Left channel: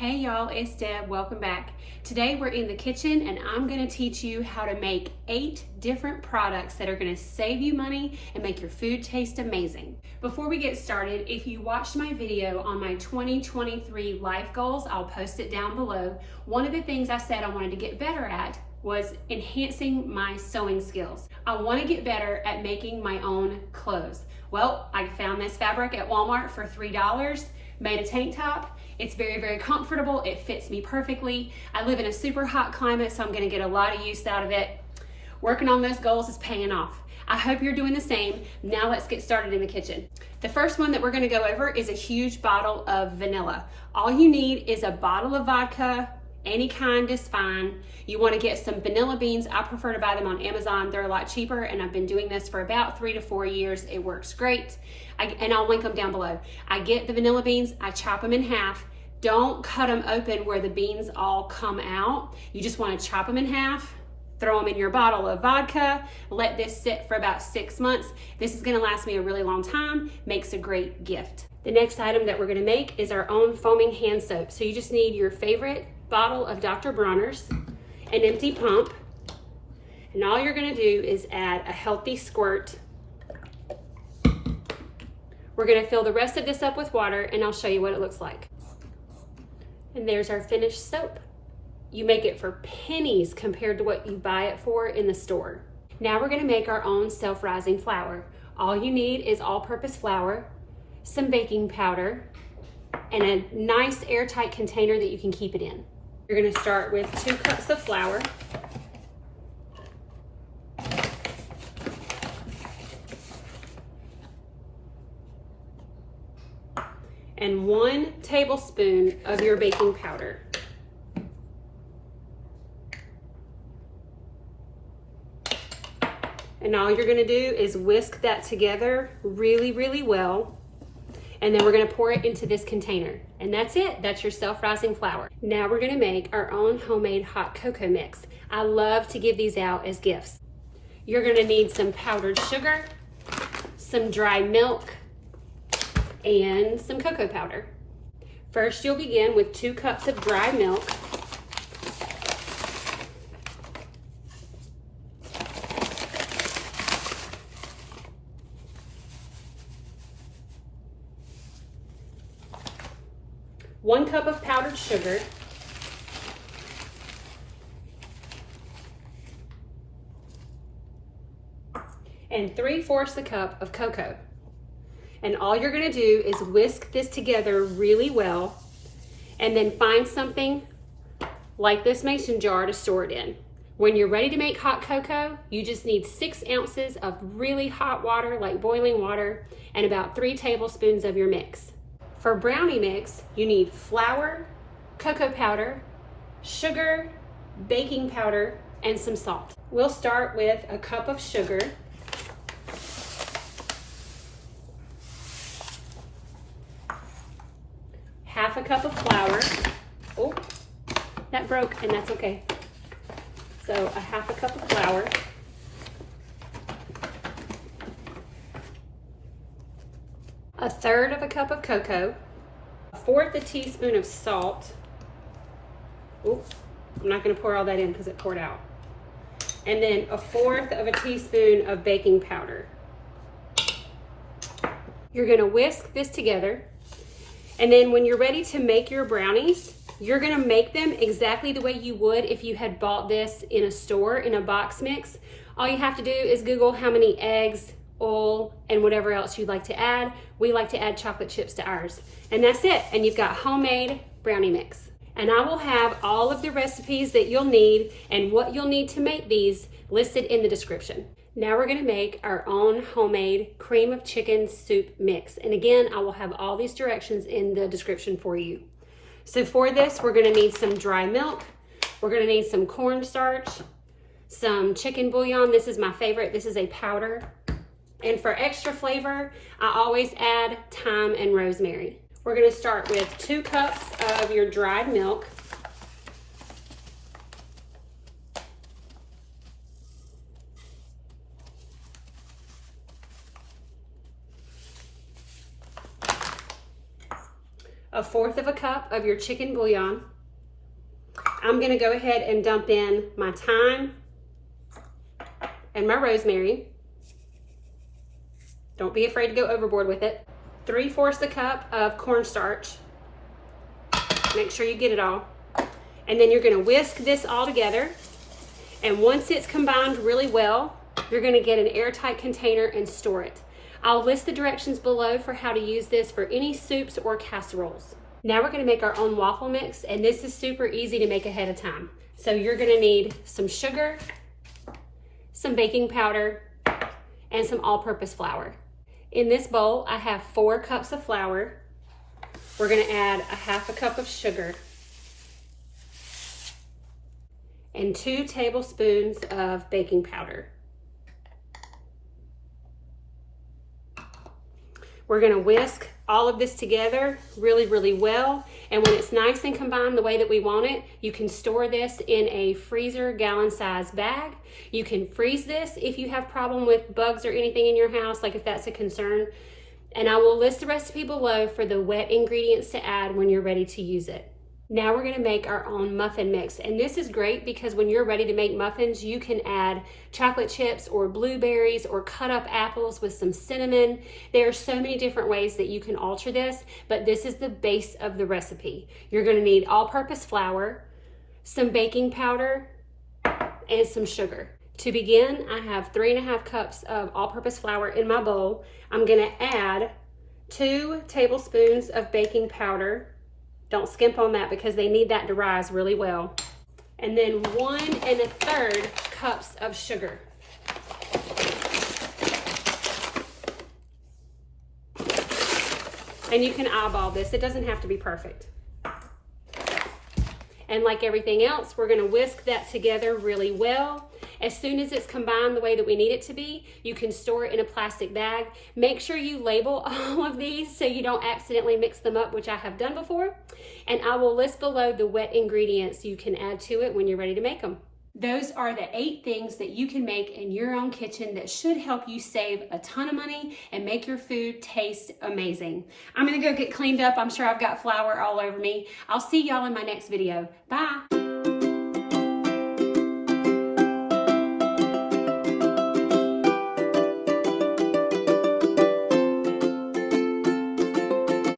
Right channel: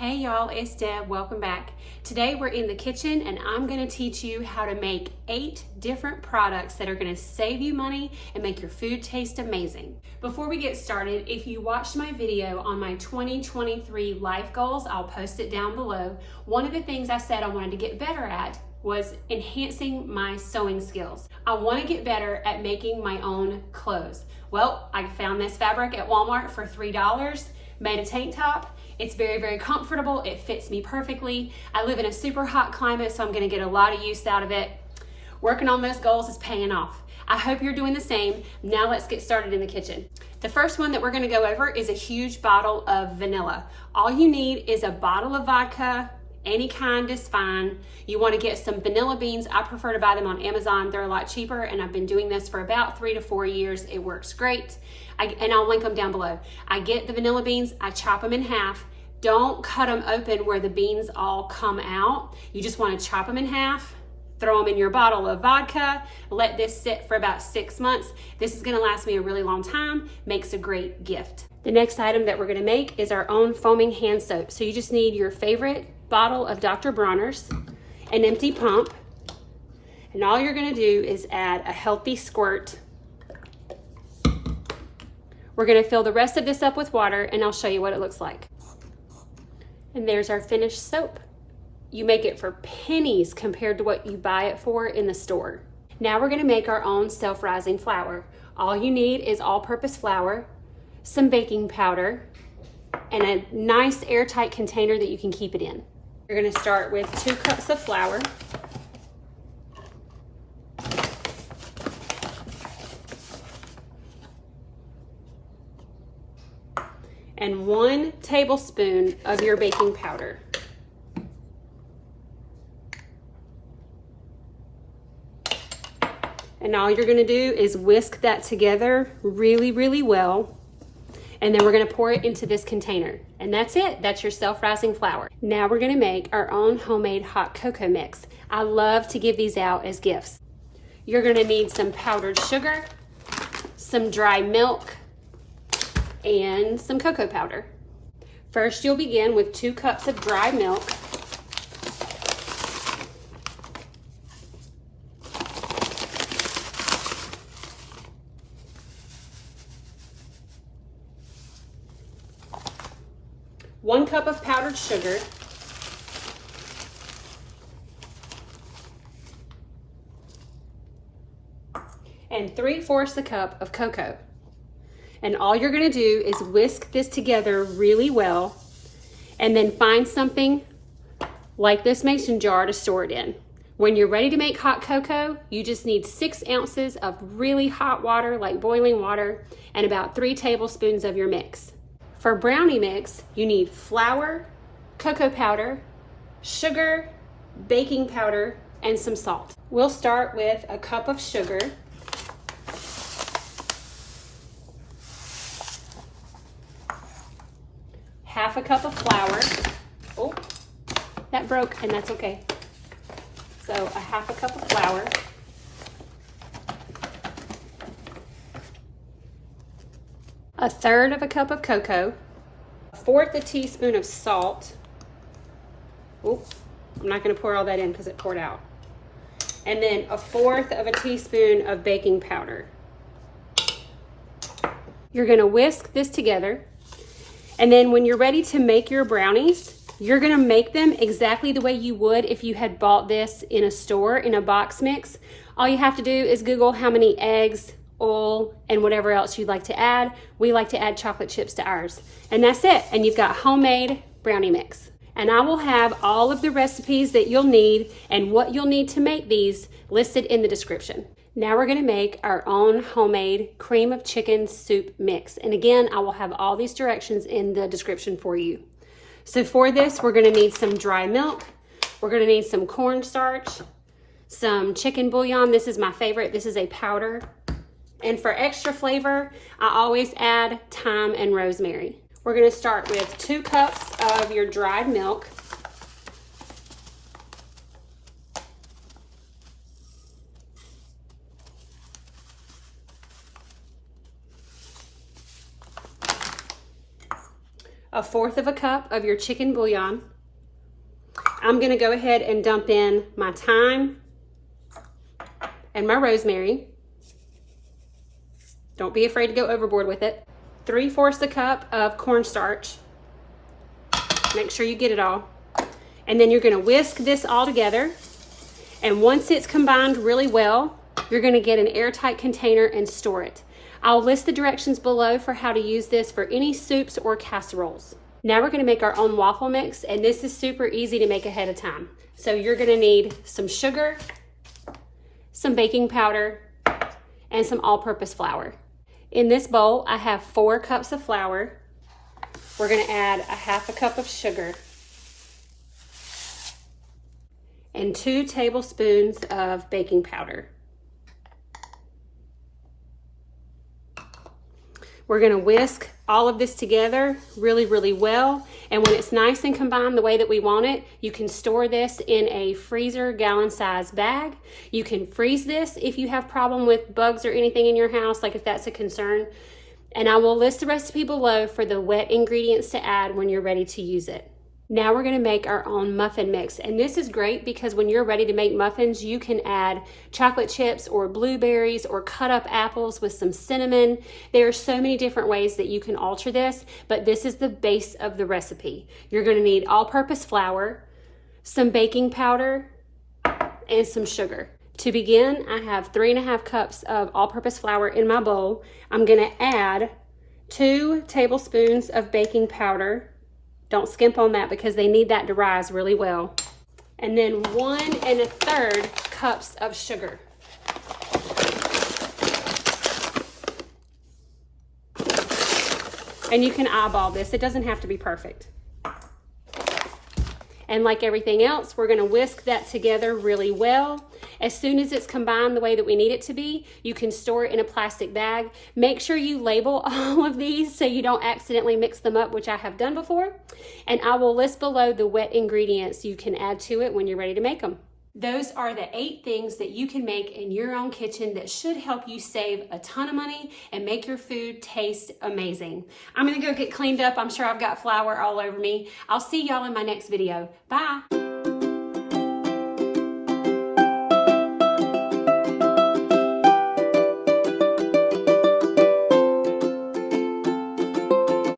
Hey y'all, it's Deb. Welcome back. Today we're in the kitchen and I'm going to teach you how to make 8 different products that are going to save you money and make your food taste amazing. Before we get started, if you watched my video on my 2023 life goals, I'll post it down below. One of the things I said I wanted to get better at was enhancing my sewing skills. I want to get better at making my own clothes. Well, I found this fabric at Walmart for $3, made a tank top. It's very, very comfortable. It fits me perfectly. I live in a super hot climate, so I'm gonna get a lot of use out of it. Working on those goals is paying off. I hope you're doing the same. Now let's get started in the kitchen. The first one that we're gonna go over is a huge bottle of vanilla. All you need is a bottle of vodka, any kind is fine. You wanna get some vanilla beans. I prefer to buy them on Amazon. They're a lot cheaper, and I've been doing this for about 3 to 4 years. It works great. And I'll link them down below. I get the vanilla beans, I chop them in half. Don't cut them open where the beans all come out. You just want to chop them in half, throw them in your bottle of vodka, let this sit for about 6 months. This is going to last me a really long time, makes a great gift. The next item that we're going to make is our own foaming hand soap. So you just need your favorite bottle of Dr. Bronner's, an empty pump, and all you're going to do is add a healthy squirt. We're going to fill the rest of this up with water, and I'll show you what it looks like. And there's our finished soap. You make it for pennies compared to what you buy it for in the store. Now we're gonna make our own self-rising flour. All you need is all-purpose flour, some baking powder, and a nice airtight container that you can keep it in. You're gonna start with 2 cups of flour. And 1 tablespoon of your baking powder. And all you're gonna do is whisk that together really, really well. And then we're gonna pour it into this container. And that's it, that's your self-rising flour. Now we're gonna make our own homemade hot cocoa mix. I love to give these out as gifts. You're gonna need some powdered sugar, some dry milk, and some cocoa powder. First, you'll begin with 2 cups of dry milk. One cup of powdered sugar. And 3/4 a cup of cocoa. And all you're gonna do is whisk this together really well, and then find something like this mason jar to store it in. When you're ready to make hot cocoa, you just need 6 ounces of really hot water, like boiling water, and about 3 tablespoons of your mix. For brownie mix, you need flour, cocoa powder, sugar, baking powder, and some salt. We'll start with a cup of sugar. Half a cup of flour. Oh, that broke, and that's okay. So a half a cup of flour. A 1/3 of a cup of cocoa. 1/4 a teaspoon of salt. Oh, I'm not gonna pour all that in because it poured out. And then a 1/4 of a teaspoon of baking powder. You're gonna whisk this together. And then when you're ready to make your brownies, you're gonna make them exactly the way you would if you had bought this in a store in a box mix. All you have to do is Google how many eggs, oil, and whatever else you'd like to add. We like to add chocolate chips to ours. And that's it, and you've got homemade brownie mix. And I will have all of the recipes that you'll need and what you'll need to make these listed in the description. Now we're gonna make our own homemade cream of chicken soup mix. And again, I will have all these directions in the description for you. So for this, we're gonna need some dry milk. We're gonna need some cornstarch, some chicken bouillon. This is my favorite. This is a powder. And for extra flavor, I always add thyme and rosemary. We're gonna start with 2 cups of your dried milk. a 1/4 of a cup of your chicken bouillon. I'm gonna go ahead and dump in my thyme and my rosemary. Don't be afraid to go overboard with it. 3/4 a cup of cornstarch. Make sure you get it all. And then you're gonna whisk this all together. And once it's combined really well, you're gonna get an airtight container and store it. I'll list the directions below for how to use this for any soups or casseroles. Now we're gonna make our own waffle mix, and this is super easy to make ahead of time. So you're gonna need some sugar, some baking powder, and some all-purpose flour. In this bowl, I have 4 cups of flour. We're gonna add 1/2 cup of sugar and 2 tablespoons of baking powder. We're gonna whisk all of this together really, really well. And when it's nice and combined the way that we want it, you can store this in a freezer gallon-sized bag. You can freeze this if you have problem with bugs or anything in your house, like if that's a concern. And I will list the recipe below for the wet ingredients to add when you're ready to use it. Now we're gonna make our own muffin mix. And this is great because when you're ready to make muffins, you can add chocolate chips or blueberries or cut up apples with some cinnamon. There are so many different ways that you can alter this, but this is the base of the recipe. You're gonna need all-purpose flour, some baking powder, and some sugar. To begin, I have 3.5 cups of all-purpose flour in my bowl. I'm gonna add 2 tablespoons of baking powder. Don't skimp on that because they need that to rise really well. And then 1 1/3 cups of sugar. And you can eyeball this. It doesn't have to be perfect. And like everything else, we're gonna whisk that together really well. As soon as it's combined the way that we need it to be, you can store it in a plastic bag. Make sure you label all of these so you don't accidentally mix them up, which I have done before. And I will list below the wet ingredients you can add to it when you're ready to make them. Those are the 8 things that you can make in your own kitchen that should help you save a ton of money and make your food taste amazing. I'm gonna go get cleaned up. I'm sure I've got flour all over me. I'll see y'all in my next video. Bye.